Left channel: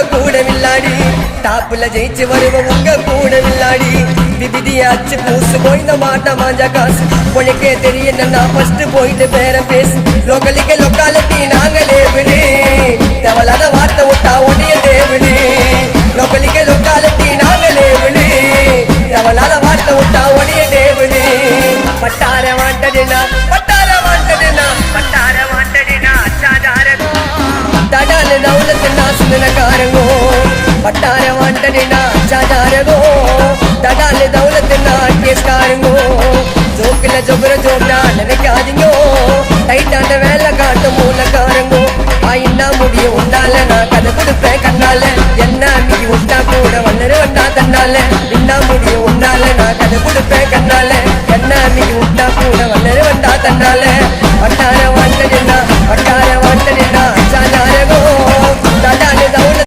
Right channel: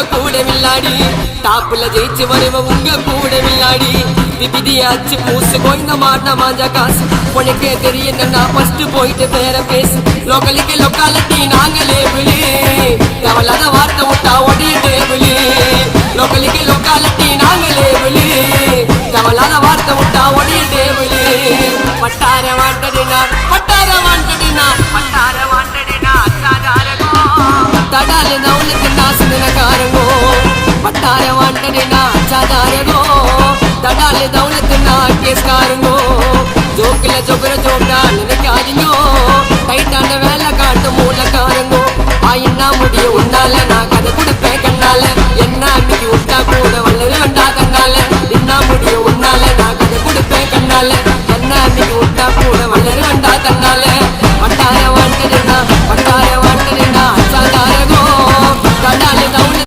உங்க கூட வில்லாடி டாப்புல ஜெயிச்சு வருவோம் உங்க கூட வில்லாடி விதியாச்சு பூசு போய்ந்த மாட்ட மாஞ்சா காசு உனக்கே தெரியல நான் ஃபர்ஸ்ட் போயிட்டு பேர பேசு லோக்கலுக்கு லொக்காலிட்டி நாங்களே விடு தேவலாத வார்த்தை விட்டா